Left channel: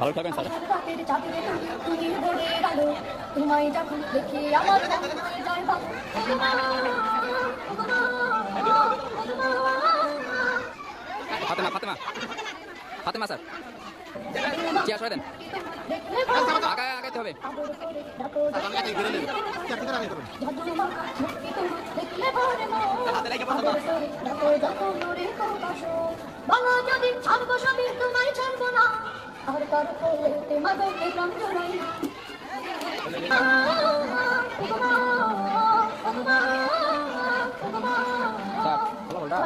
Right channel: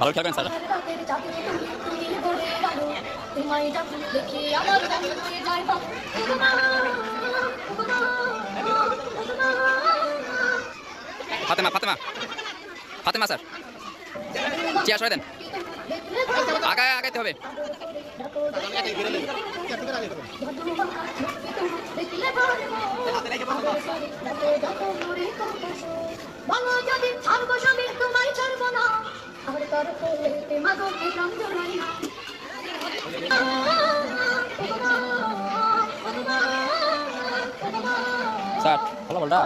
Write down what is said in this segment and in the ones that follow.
ভালো খেলবেন sir. Fatema Fatema Fatema sir, chair সরাই দেন, আগায় আগাইতে হবে। স্যার ভালো বলটা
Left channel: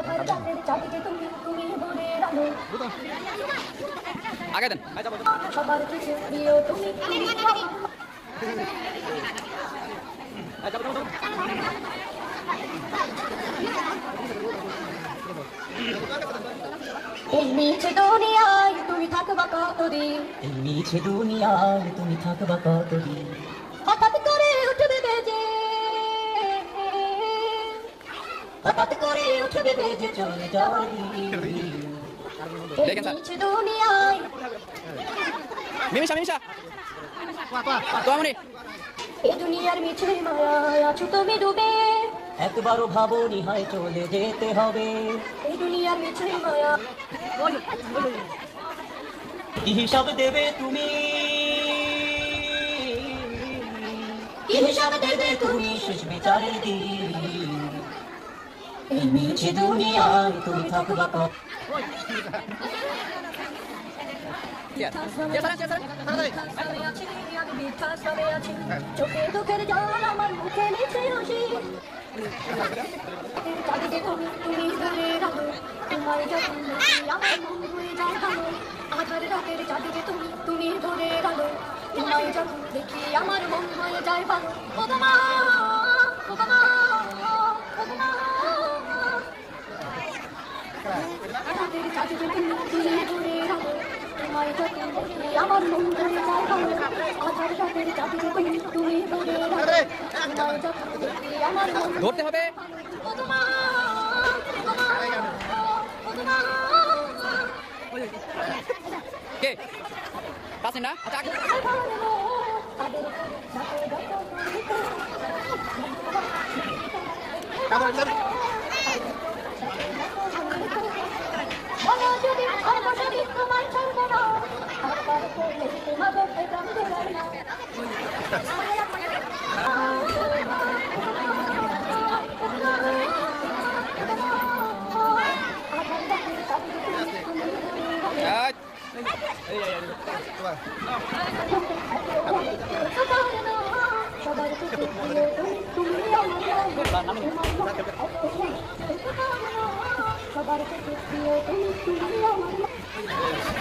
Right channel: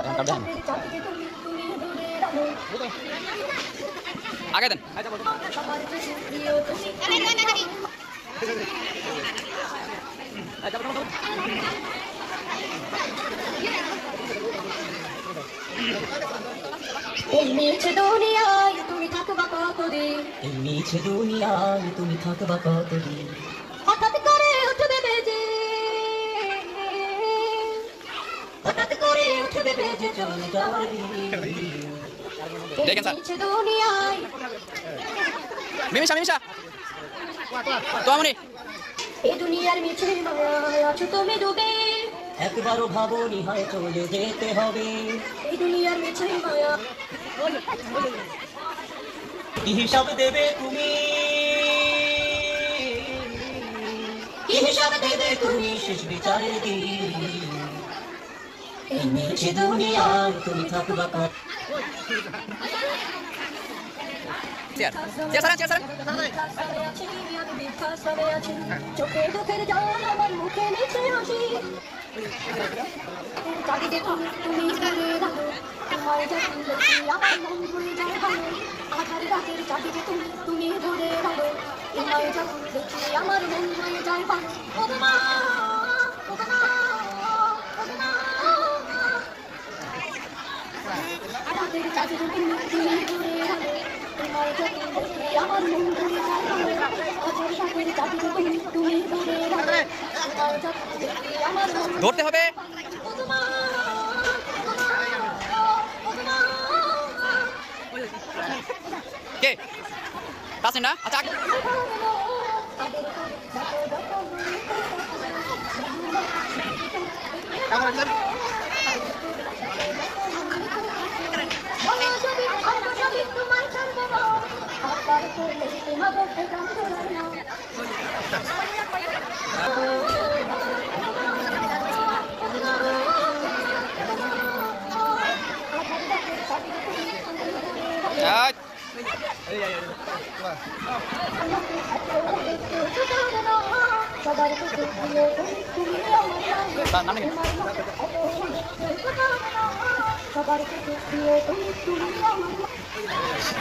আগে দেন। এই মিছে দুনিয়ায় তুমি থাকবা কতদিন, এই মিছে দুনিয়ায় তুমি থাকবা কতদিন, হঠাৎ করে উঠবে বেজে, হঠাৎ করে উঠবে বেজে চলে যাওয়ার দিন। দেখেন স্যার, মিছে দুনিয়ায় মিমিশা মিমিশা তো আমনি এই দুনিয়ার মিছে মায়ায় আছো তুমি ডুবে, একবারও ভাবনি হয় চলে যেতে হবে। এই দুনিয়ার মিছে মায়া কি হিসাব দেবে তুমি, কি হিসাব দেবে তুমি শেষ বিচারের দিন। এই মিছে দুনিয়ায় তুমি থাকবা কত, চোখে দুঃখের জল আমার মুখে মিছে হাসি, তুমি ঘুরে রাখো তোমার যখন দেখি আমার মন ঘুরে যায় ভালো, আধার রাতের চাঁদিকে তুমি ঘুরে রাখো তোমার যখন দেখি আমার মন হয়ে যায় ভালো। ও মা ও মা ও মা, রাতের চাঁদিকে তুমি ঘুরে রাখো তোমার যখন দেখি আমার মন হয়ে যায় ভালো, আধার রাতের চাঁদিকে তুমি ঘুরে রাখো তোমার যখন দেখি আমার মন ধরতে হবে। কে তাসিন না? আচ্ছা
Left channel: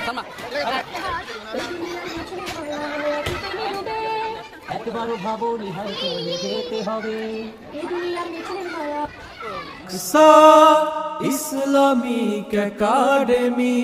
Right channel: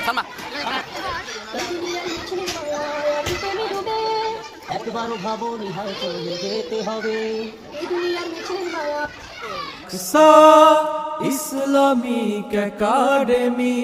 সালমা একবারও ভাবনি হয় চলে যেতে হবে। Islamic academy.